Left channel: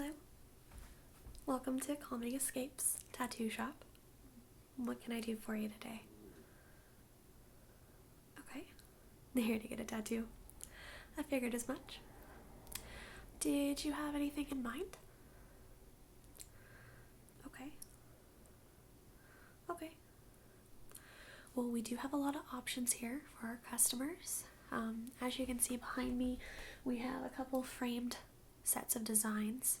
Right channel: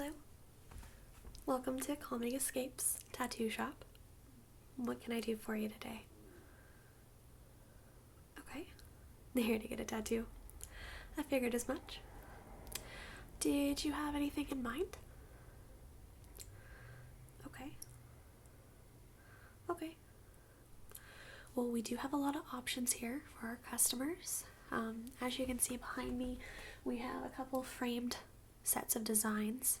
Hello. Welcome to CalmingEscape's tattoo shop. What can I do for you today? Okay. Here to get a tattoo. I figured as much. Did you have anything in mind? Okay. Okay. Well, we do have a lot of options here for our customers. As you can see behind me, we have a couple framed sets of designs.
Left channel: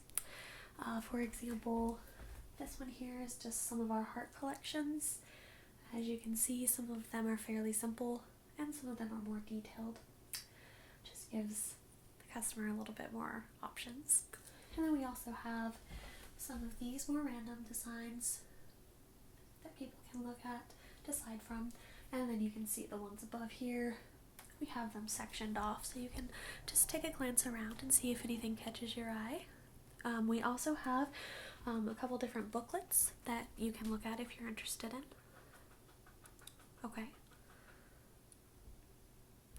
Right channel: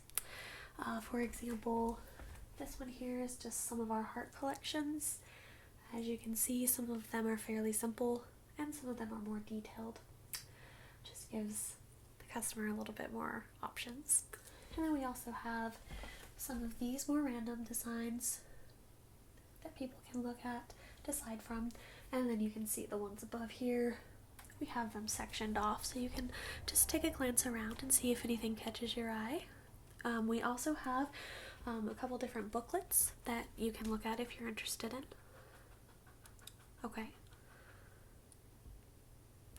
For example, this one here is just some of our heart collections. As you can see, some of them are fairly simple and some of them are more detailed. Just gives the customer a little bit more options. And then we also have some of these more random designs that people can look at, decide from, and then you can see the ones above here. We have them sectioned off so you can just take a glance around and see if anything catches your eye. We also have a couple different booklets that you can look at if you're interested in. Okay.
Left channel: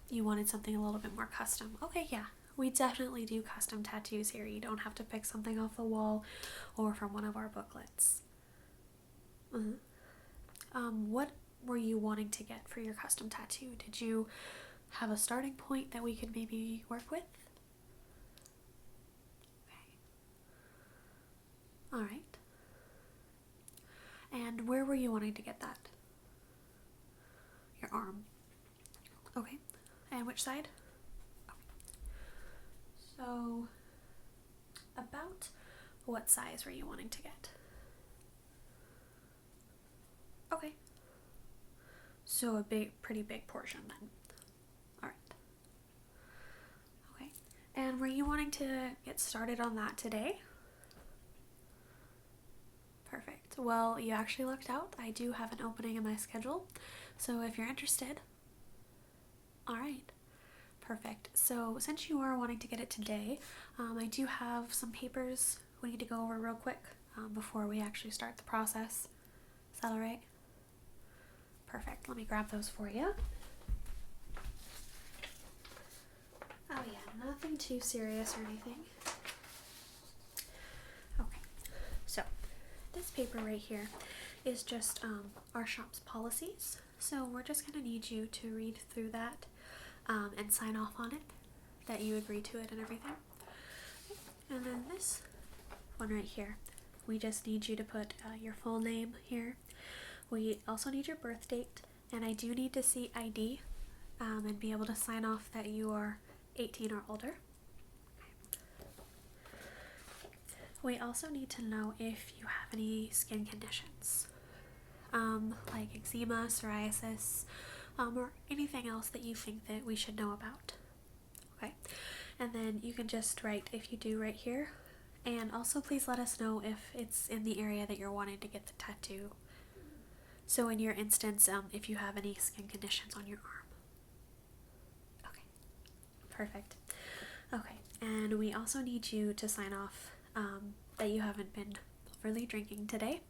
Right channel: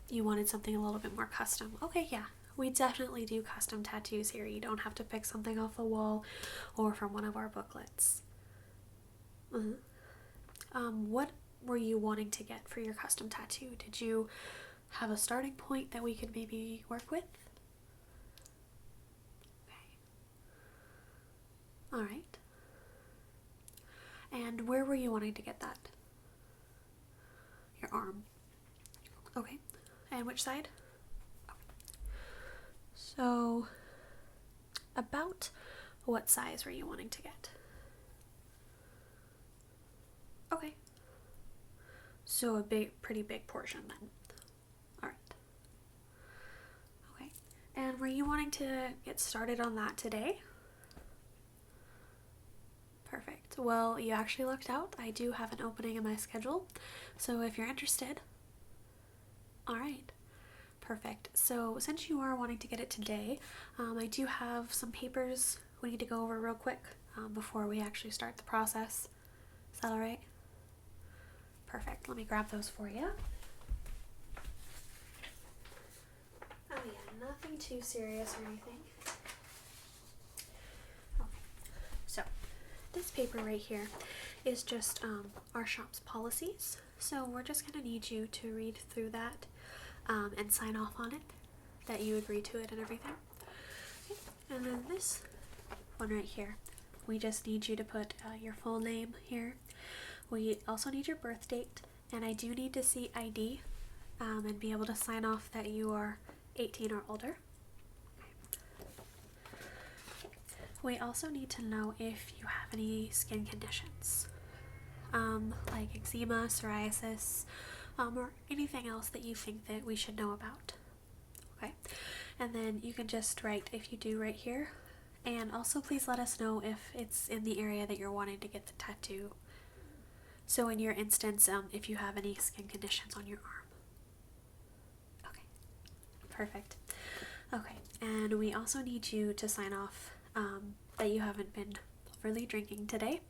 You wanted something a little bit more custom. Okay, yeah. We definitely do custom tattoos here. You don't have to pick something off the wall or from one of our booklets. What were you wanting to get for your custom tattoo? Did you have a starting point that we could maybe work with? Okay. All right. And where were you wanting to get that? Your arm. Okay. And which side? Okay. So, about what size were you wanting to get? Okay. So a pretty big portion then. Alright. Okay. And were you wanting to get started on that today? Perfect. Well, you actually lucked out. I do have an opening in my schedule. So if you're interested. Alright. Perfect. So since you are wanting to get it today, I do have some papers we need to go over real quick before we actually start the process. Is that alright? Perfect. Let me grab those for you. Oh yeah, nothing too serious or anything. Okay, so this paper right here is just our shop's policies. So we're just going to need you to read through that and sign off on it, that you agree to it and everything. Okay. And then this one right here, we just need you to put your full name here. We also need your birth date, and I do need to see ID and be able to sign off that you are 18 or older. We also need to know if you have any skin conditions, like eczema, psoriasis, or anything else that you think that we should know about. Okay, and then you can just write if you do right here, and also please let us know if it's in the area that you're wanting to get the tattoo. So in your instance, if you have any skin conditions on your arm. Okay, perfect. Okay, and we also need you to sign off that you haven't been overly drinking today.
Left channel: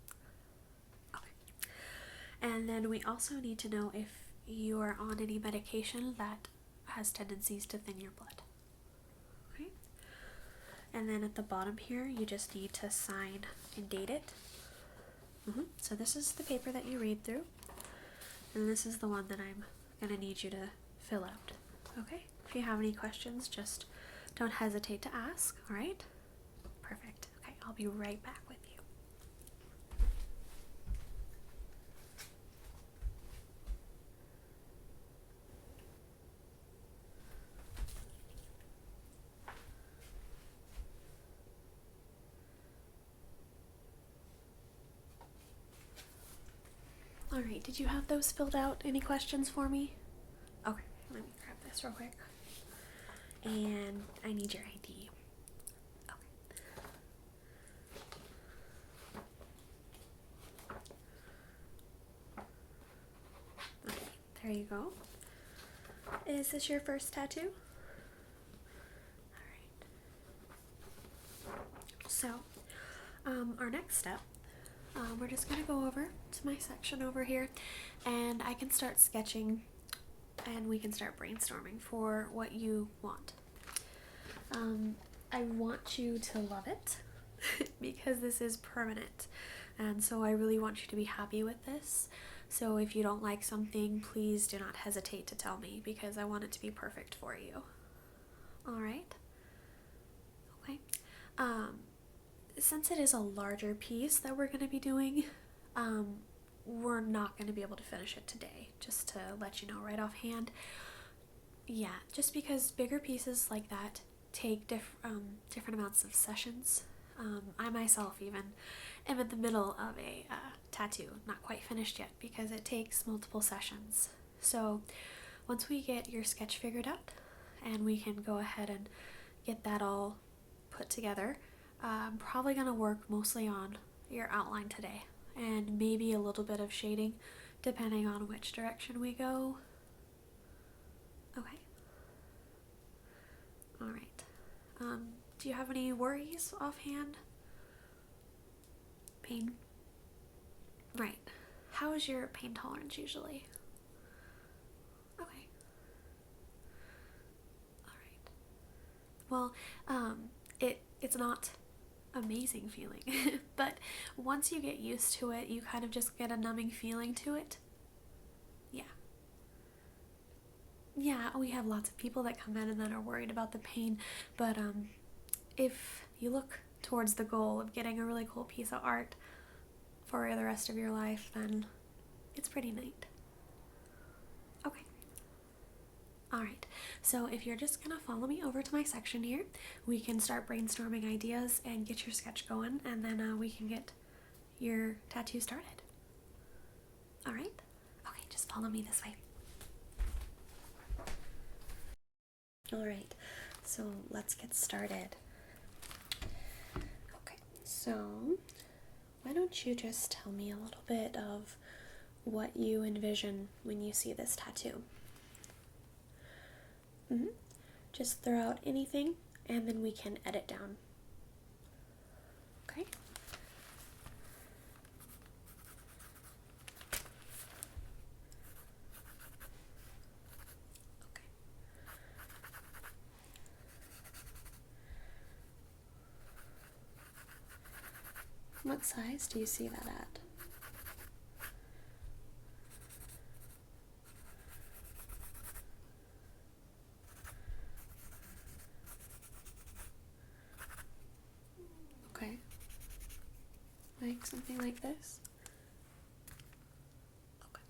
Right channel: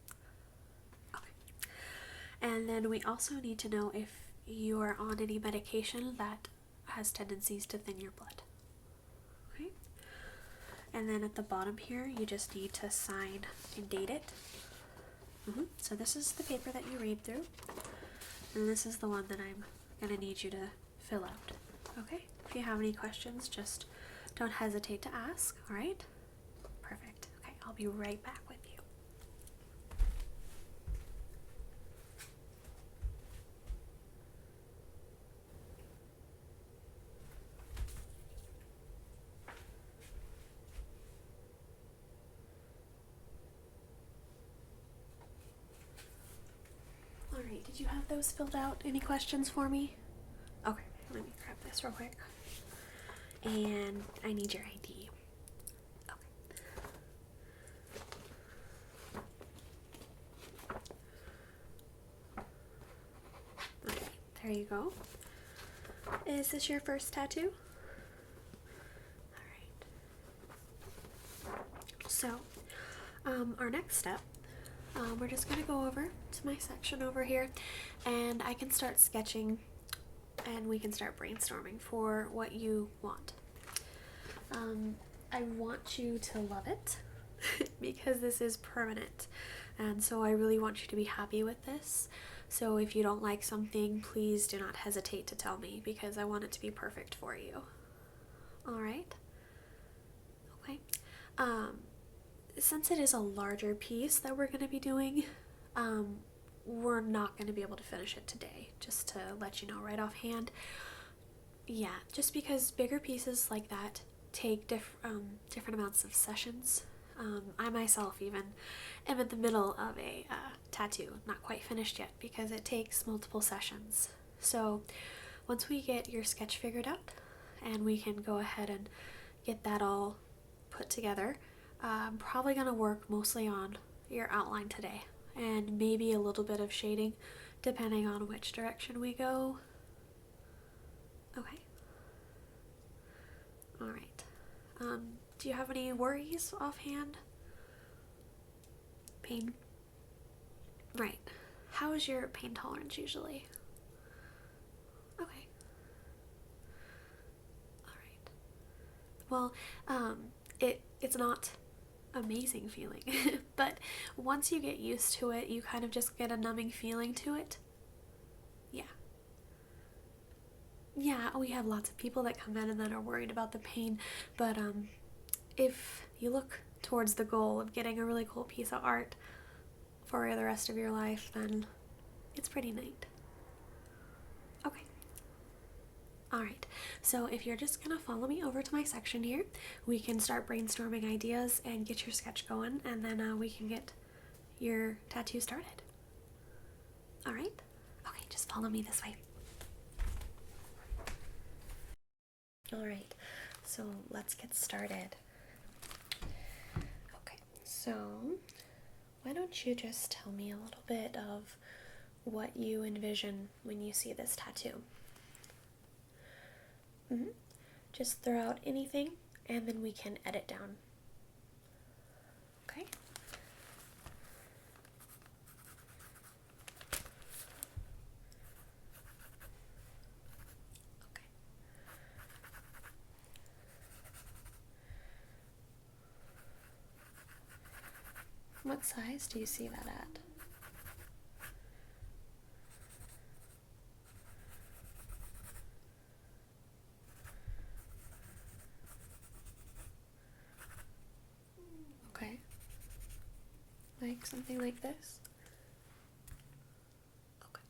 Okay. And then we also need to know if you are on any medication that has tendencies to thin your blood. Okay. And then at the bottom here, you just need to sign and date it. So this is the paper that you read through, and this is the one that I'm going to need you to fill out. Okay? If you have any questions, just don't hesitate to ask, alright? Perfect. Okay, I'll be right back with you. Alright, did you have those filled out? Any questions for me? Okay, let me grab this real quick. And I need your ID. Okay, there you go. Is this your first tattoo? Alright. So, our next step, we're just going to go over to my section over here, and I can start sketching and we can start brainstorming for what you want. I want you to love it. because this is permanent. And so I really want you to be happy with this. So if you don't like something, please do not hesitate to tell me because I want it to be perfect for you. All right? Okay. Since it is a larger piece that we're going to be doing, we're not going to be able to finish it today, just to let you know right offhand. Yeah, just because bigger pieces like that take different amounts of sessions. I myself even am in the middle of a tattoo, not quite finished yet because it takes multiple sessions. So once we get your sketch figured out and we can go ahead and get that all put together, I'm probably going to work mostly on your outline today and maybe a little bit of shading depending on which direction we go. Okay. All right. Do you have any worries offhand? Pain? Right. How is your pain tolerance usually? Okay. All right. Well, it's not amazing feeling, but once you get used to it, you kind of just get a numbing feeling to it. Yeah. Yeah, we have lots of people that come in and that are worried about the pain, but if you look towards the goal of getting a really cool piece of art for the rest of your life, then it's pretty neat. Okay. Alright, so if you're just gonna follow me over to my section here, we can start brainstorming ideas and get your sketch going, and then we can get your tattoo started. Alright? Okay, just follow me this way. Alright, so let's get started. Okay, so why don't you just tell me a little bit of what you envision when you see this tattoo? Just throw out anything and then we can edit down. Okay? Okay. What size do you see that at? Okay. Like something like this? Okay.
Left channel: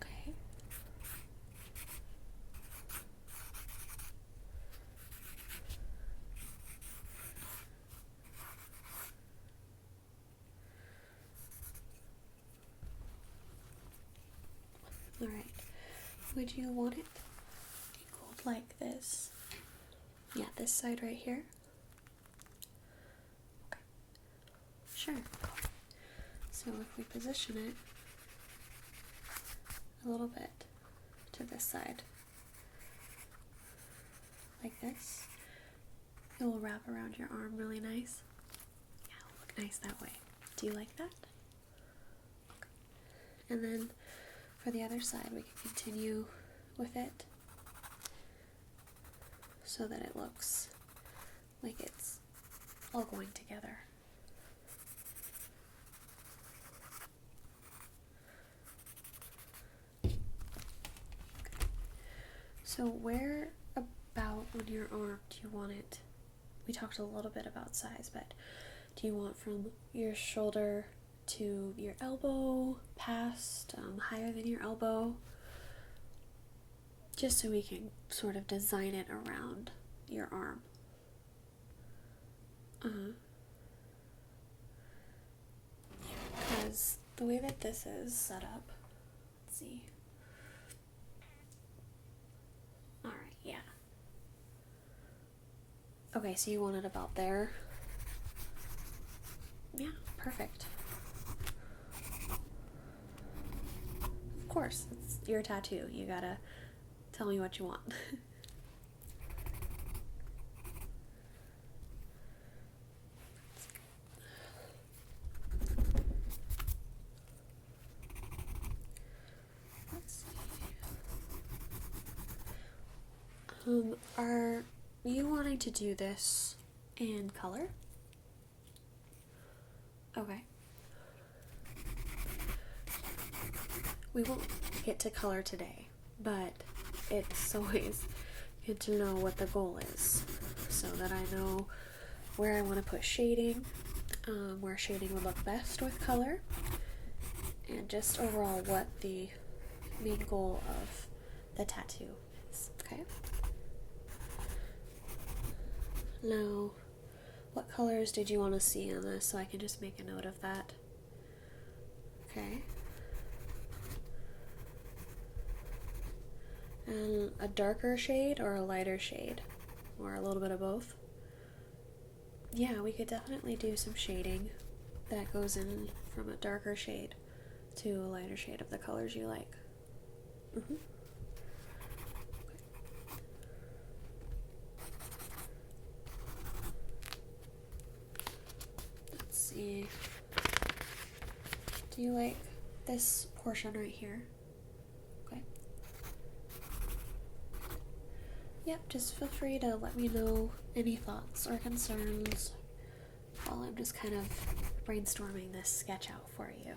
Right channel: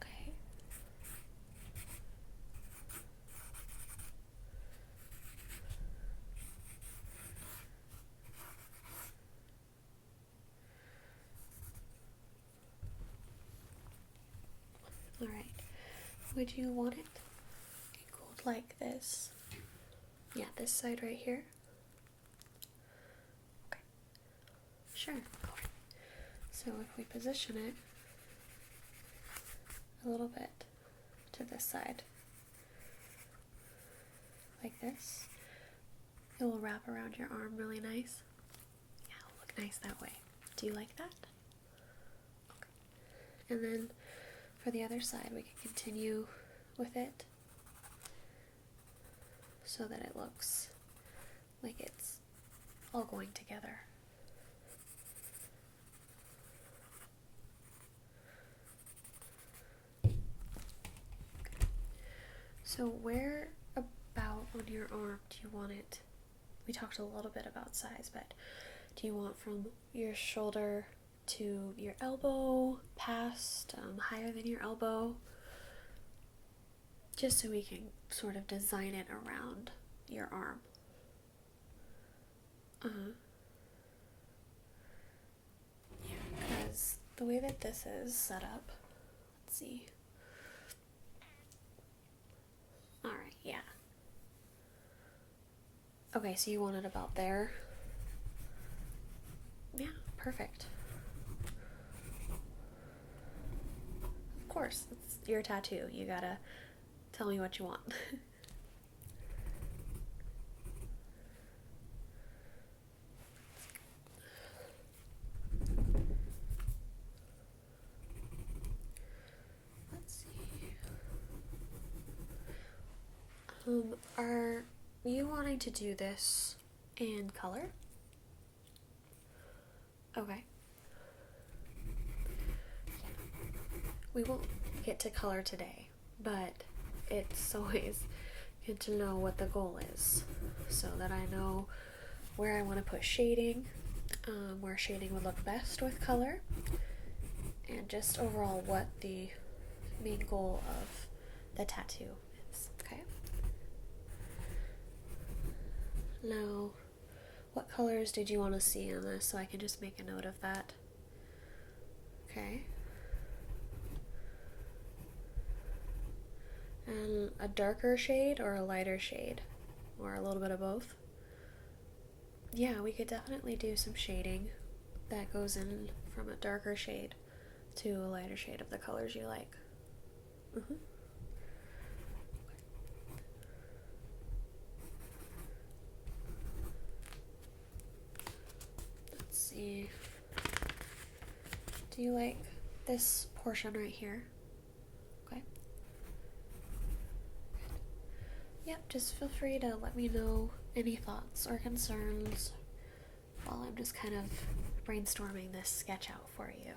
Okay. Alright. Would you want it equaled like this? Yeah, this side right here. Okay. Sure. So if we position it a little bit to this side, like this, it will wrap around your arm really nice. Yeah, it'll look nice that way. Do you like that? Okay. And then for the other side, we can continue with it so that it looks like it's all going together. Okay. So where about on your arm do you want it? We talked a little bit about size, but do you want from your shoulder to your elbow, past, higher than your elbow? Just so we can sort of design it around your arm. Because the way that this is set up, let's see. Alright, yeah. Okay, so you want it about there? Yeah, perfect. Of course, it's your tattoo. You gotta tell me what you want. Are you wanting to do this in color? Okay. We won't get to color today, but it's always good to know what the goal is so that I know where I want to put shading, where shading would look best with color, and just overall what the main goal of the tattoo is, okay? Now, what colors did you want to see on this so I can just make a note of that? Okay. And a darker shade or a lighter shade? Or a little bit of both? Yeah, we could definitely do some shading that goes in from a darker shade to a lighter shade of the colors you like. Okay. Let's see. Do you like this portion right here? Okay. Yep, just feel free to let me know any thoughts or concerns while I'm just kind of brainstorming this sketch out for you.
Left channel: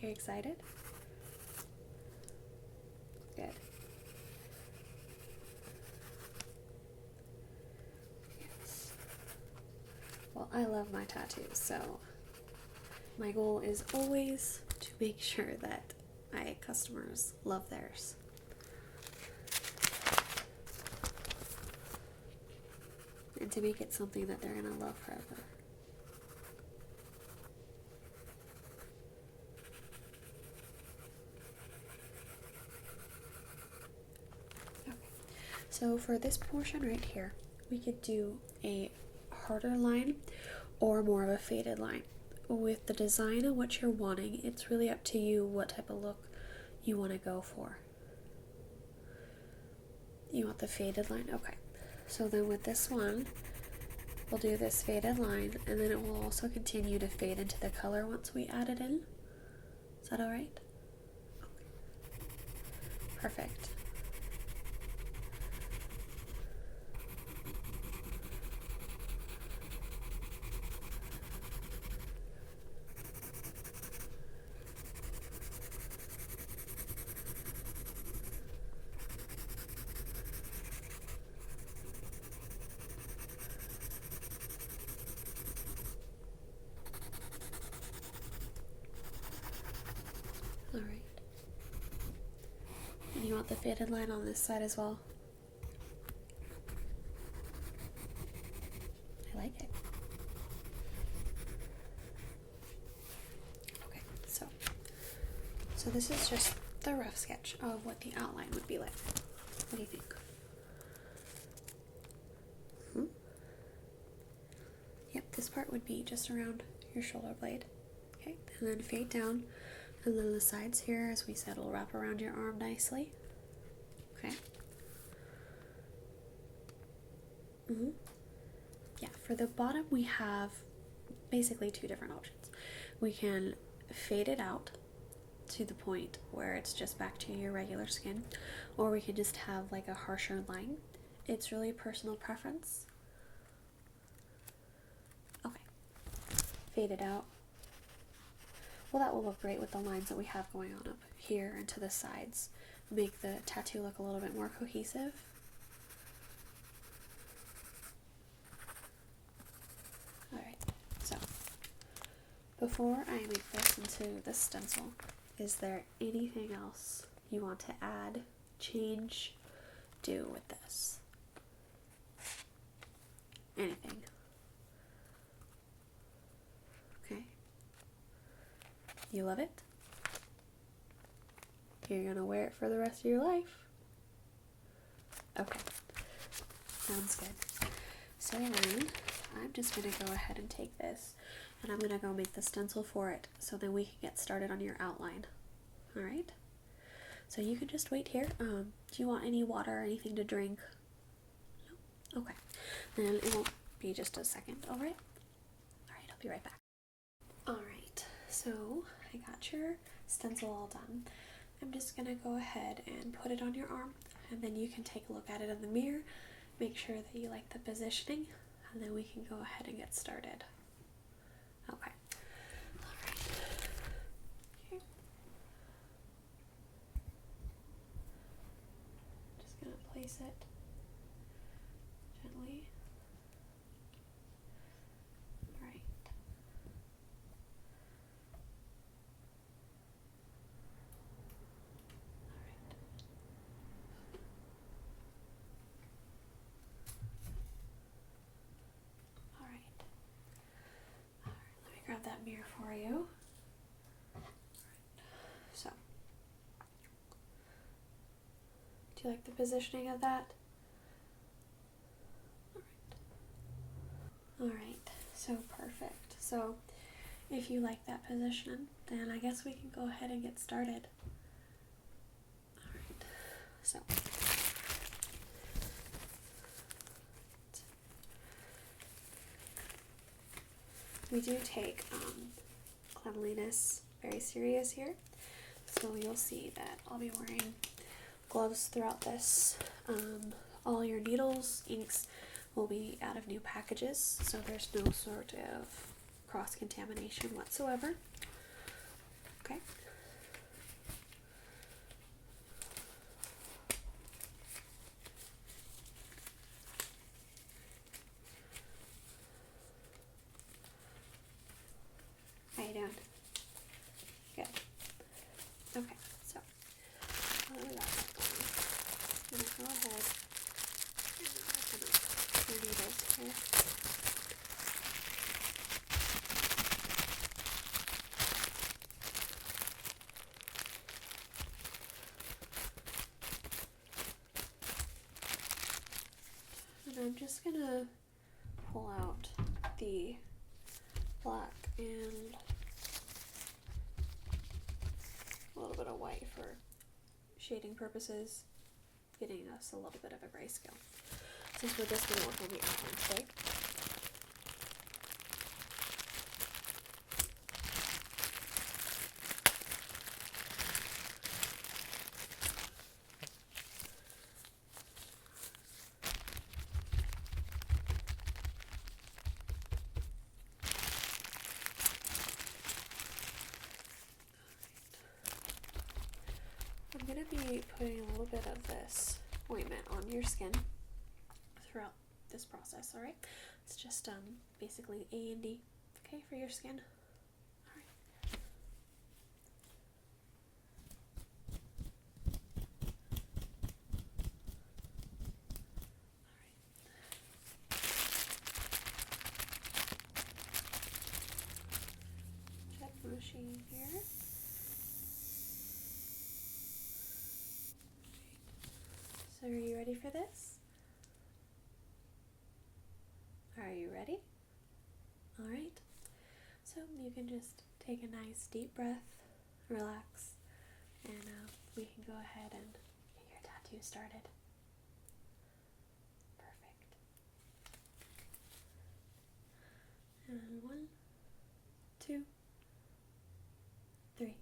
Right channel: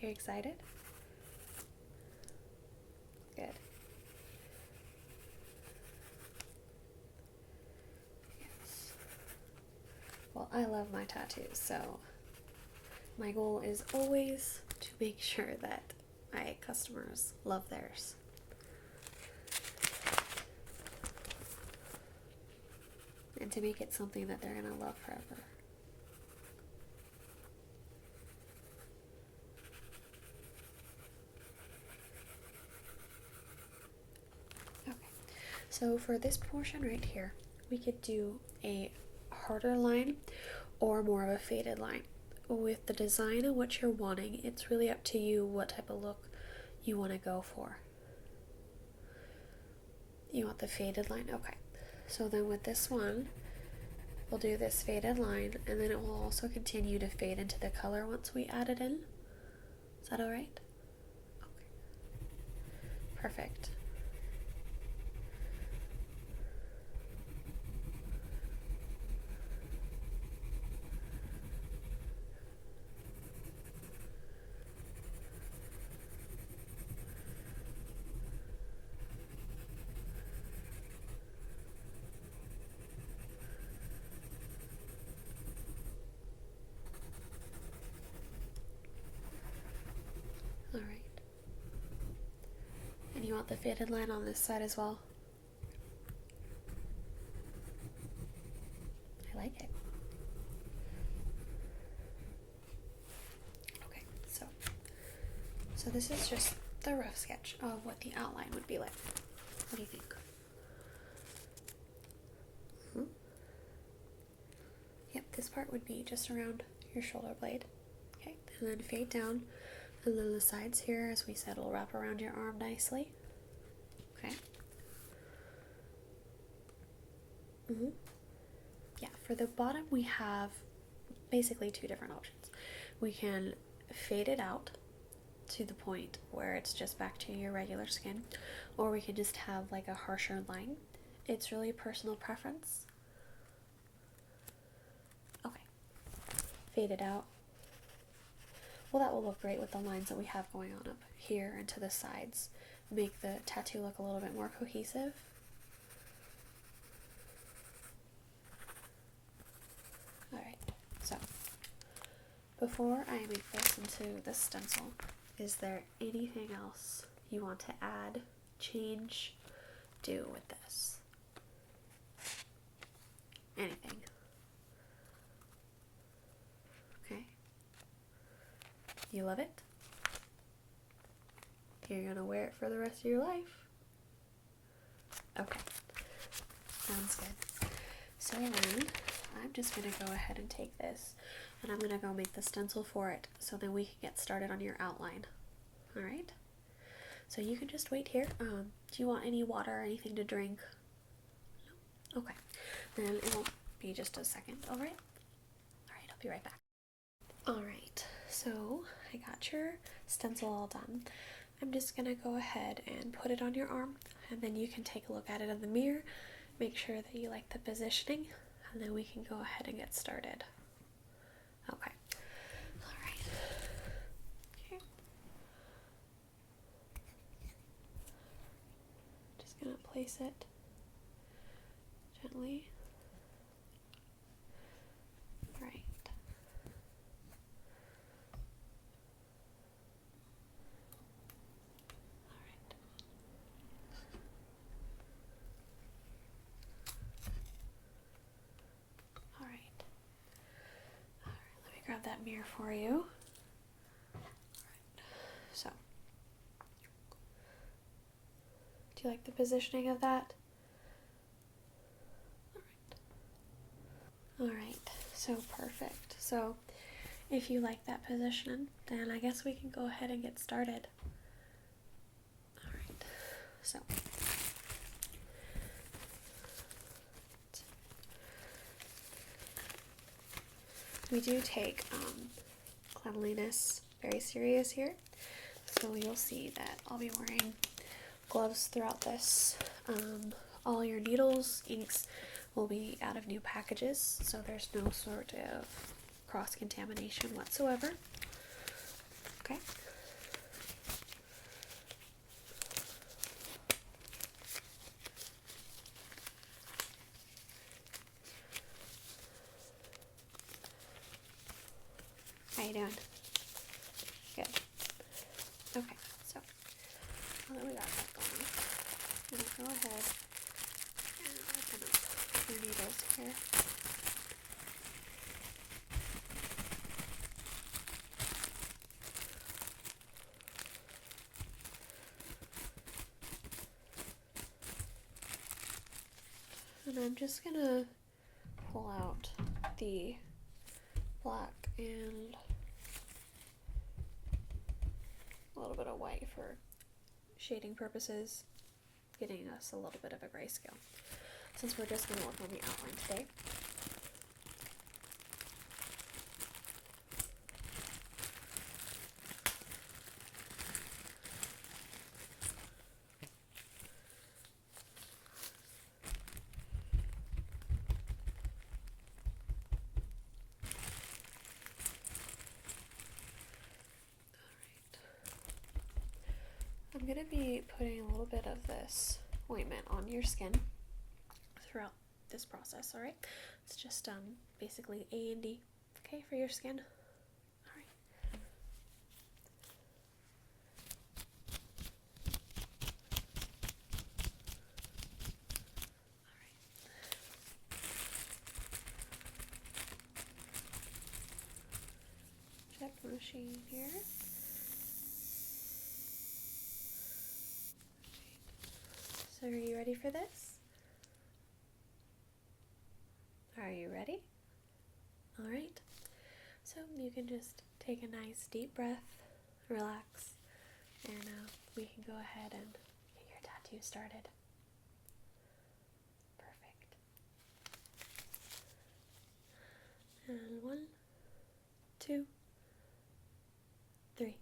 Are you excited? Good. Yes. Well, I love my tattoos, so my goal is always to make sure that my customers love theirs. And to make it something that they're gonna love forever. Okay, so for this portion right here, we could do a harder line or more of a faded line. With the design and what you're wanting, it's really up to you what type of look you want to go for. You want the faded line? Okay. So then with this one, we'll do this faded line, and then it will also continue to fade into the color once we add it in. Is that alright? Okay. Perfect. Alright. And you want the faded line on this side as well? I like it. Okay, so this is just the rough sketch of what the outline would be like. What do you think? Yep, this part would be just around your shoulder blade. Okay, and then fade down, and then the sides here, as we said, will wrap around your arm nicely. Okay. Yeah, for the bottom we have basically two different options. We can fade it out to the point where it's just back to your regular skin, or we can just have like a harsher line. It's really personal preference. Okay, fade it out. Well, that will look great with the lines that we have going on up here and to the sides. Make the tattoo look a little bit more cohesive. Alright, so before I make this into the stencil, is there anything else you want to add, change, do with this? Anything? Okay. You love it? You're gonna wear it for the rest of your life? Okay. Sounds good. So then, I'm just gonna go ahead and take this, and I'm gonna go make the stencil for it, so then we can get started on your outline. Alright? So you can just wait here. Do you want any water or anything to drink? No? Okay. Then it won't be just a second, alright? Alright, I'll be right back. Alright, so I got your stencil all done. I'm just gonna go ahead and put it on your arm, and then you can take a look at it in the mirror, make sure that you like the positioning, and then we can go ahead and get started. Okay. Alright. Okay. Just gonna place it gently. Alright. Alright. Let me grab that mirror for you. So, do you like the positioning of that? Alright, so perfect. So, if you like that position, then I guess we can go ahead and get started. Alright, so. We do take cleanliness very serious here. So you'll see that I'll be wearing gloves throughout this. All your needles, inks will be out of new packages, so there's no sort of cross-contamination whatsoever. Okay. How you doing? Good. Okay, so now that we got that going, I'm gonna go ahead and open up your needles here. And I'm just gonna pull out the black and a little bit of white for shading purposes, getting us a little bit of a grayscale, since we're just going to work on the outline today. I'm going to be putting a little bit of this ointment on your skin throughout this process, alright? It's just basically A and D, okay, for your skin. Alright. Alright. Check the machine here. So are you ready for this? Are you ready? Alright. So you can just take a nice deep breath, relax, and we can go ahead and get your tattoo started. Perfect. And 1, 2, 3.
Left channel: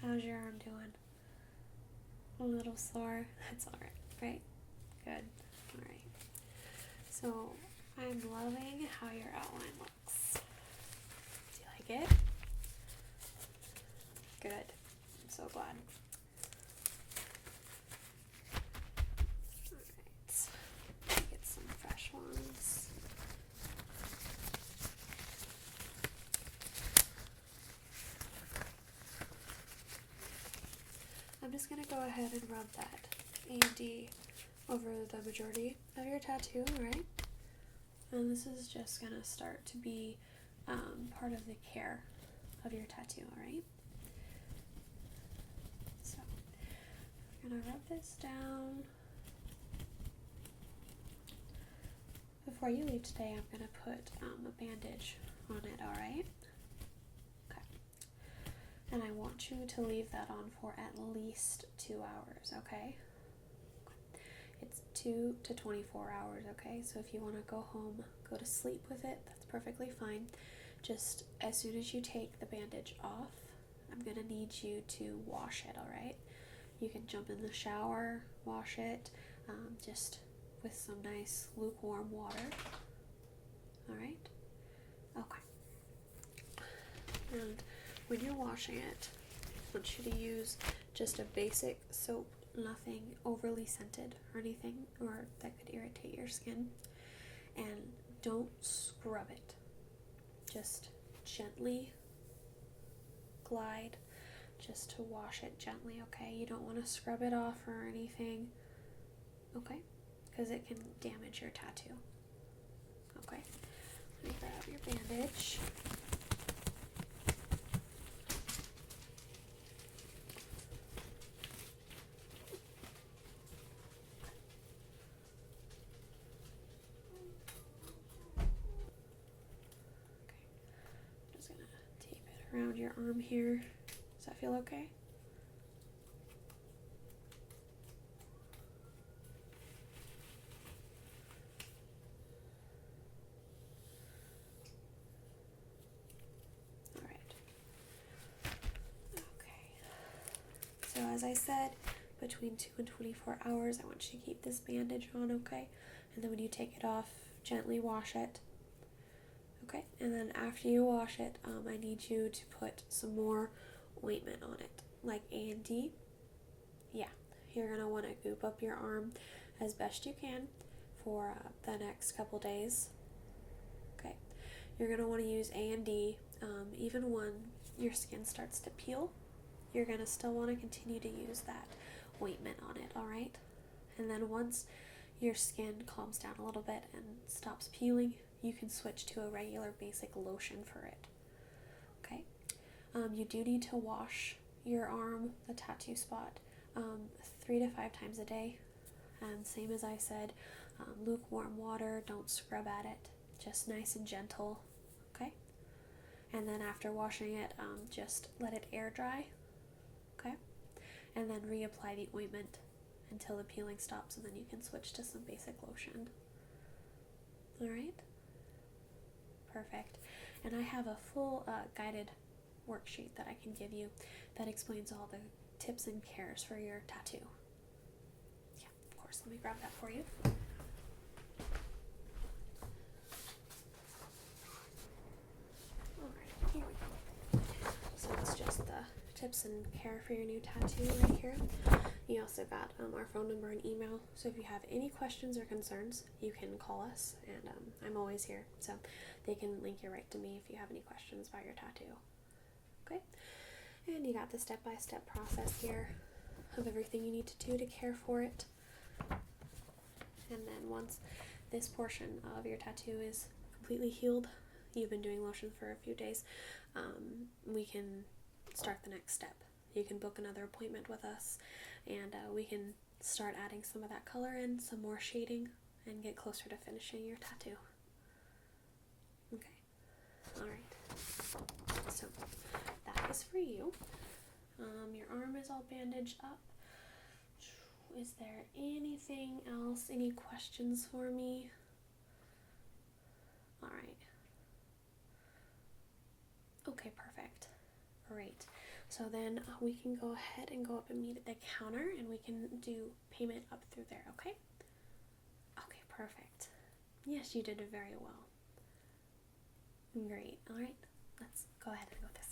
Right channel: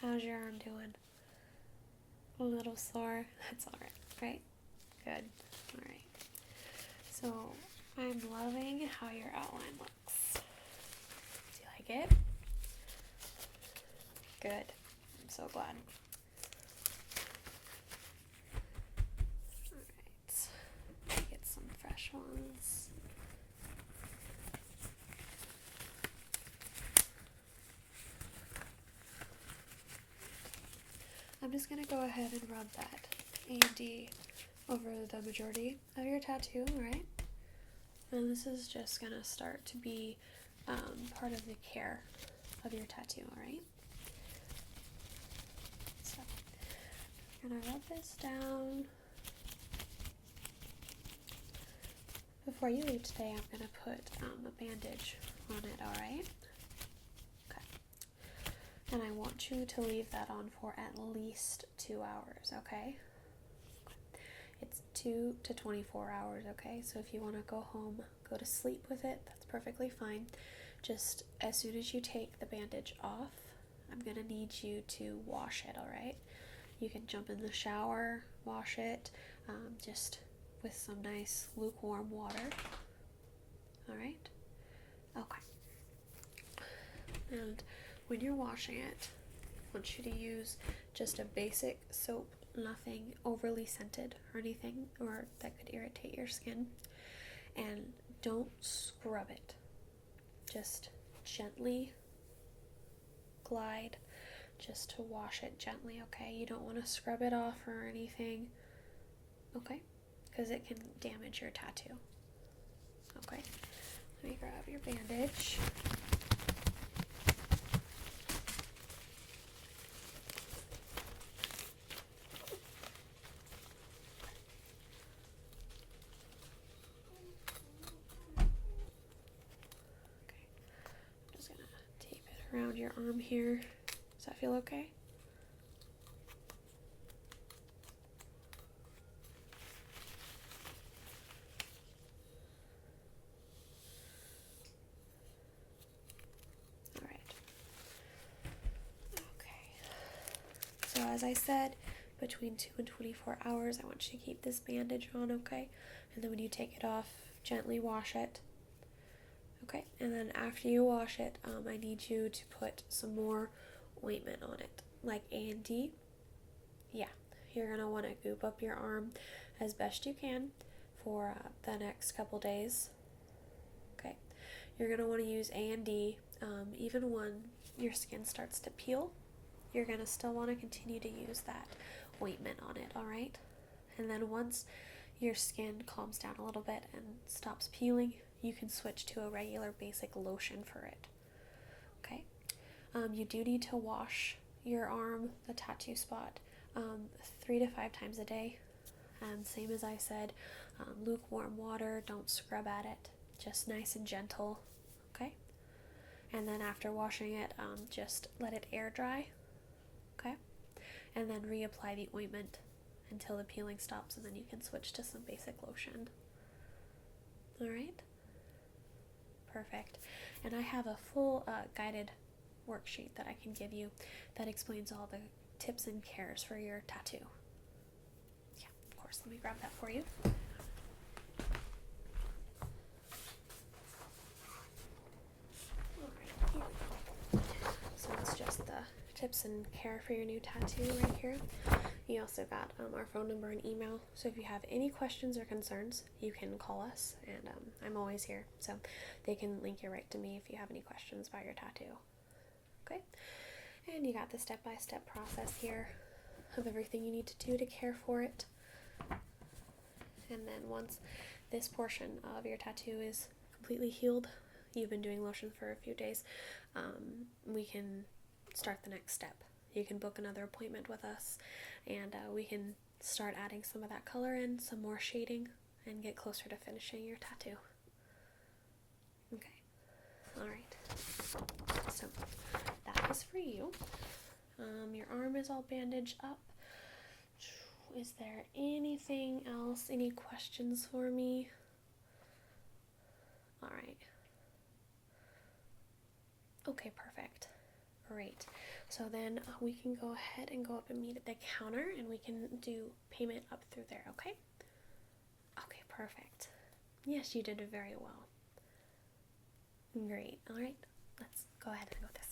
How's your arm doing? A little sore? That's alright, right? Good. Alright. So, I'm loving how your outline looks. Do you like it? Good. I'm so glad. Alright. Get some fresh ones. I'm just going to go ahead and rub that A&D over the majority of your tattoo, alright? And this is just going to start to be part of the care of your tattoo, alright? So, I'm going to rub this down. Before you leave today, I'm going to put a bandage on it, alright? Okay. And I want you to leave that on for at least 2 hours, okay? It's 2 to 24 hours, okay? So if you want to go home, go to sleep with it, that's perfectly fine. Just as soon as you take the bandage off, I'm going to need you to wash it, alright? You can jump in the shower, wash it, just with some nice lukewarm water, alright? Okay. And when you're washing it, I want you to use just a basic soap, nothing overly scented or anything or that could irritate your skin. And don't scrub it. Just gently glide just to wash it gently, okay? You don't want to scrub it off or anything, okay? Because it can damage your tattoo. Okay, let me grab your bandage. Around your arm here. Does that feel okay? Alright. Okay. So as I said, between 2 and 24 hours, I want you to keep this bandage on, okay? And then when you take it off, gently wash it. Okay, and then after you wash it, I need you to put some more ointment on it, like A&D. Yeah, you're going to want to goop up your arm as best you can for the next couple days. Okay, you're going to want to use A&D even when your skin starts to peel. You're going to still want to continue to use that ointment on it, alright? And then once your skin calms down a little bit and stops peeling, you can switch to a regular basic lotion for it. Okay? You do need to wash your arm, the tattoo spot, 3 to 5 times a day. Same as I said, lukewarm water, don't scrub at it, just nice and gentle. Okay? And then after washing it, just let it air dry. Okay? And then reapply the ointment until the peeling stops, and then you can switch to some basic lotion. Alright? Perfect. And I have a full guided worksheet that I can give you that explains all the tips and cares for your tattoo. Yeah, of course. Let me grab that for you. Alright, here we go. So it's just the tips and care for your new tattoo right here. You also got our phone number and email, so if you have any questions or concerns, you can call us, and I'm always here, so they can link you right to me if you have any questions about your tattoo. Okay? And you got the step-by-step process here of everything you need to do to care for it. And then once this portion of your tattoo is completely healed, you've been doing lotion for a few days, we can start the next step. You can book another appointment with us, and we can start adding some of that color in, some more shading, and get closer to finishing your tattoo. Okay, alright, so that is for you. Your arm is all bandaged up. Is there anything else, any questions for me? Alright. Okay, perfect. Great. So then we can go ahead and go up and meet at the counter, and we can do payment up through there, okay? Okay, perfect. Yes, you did very well. Great. All right, let's go ahead and go this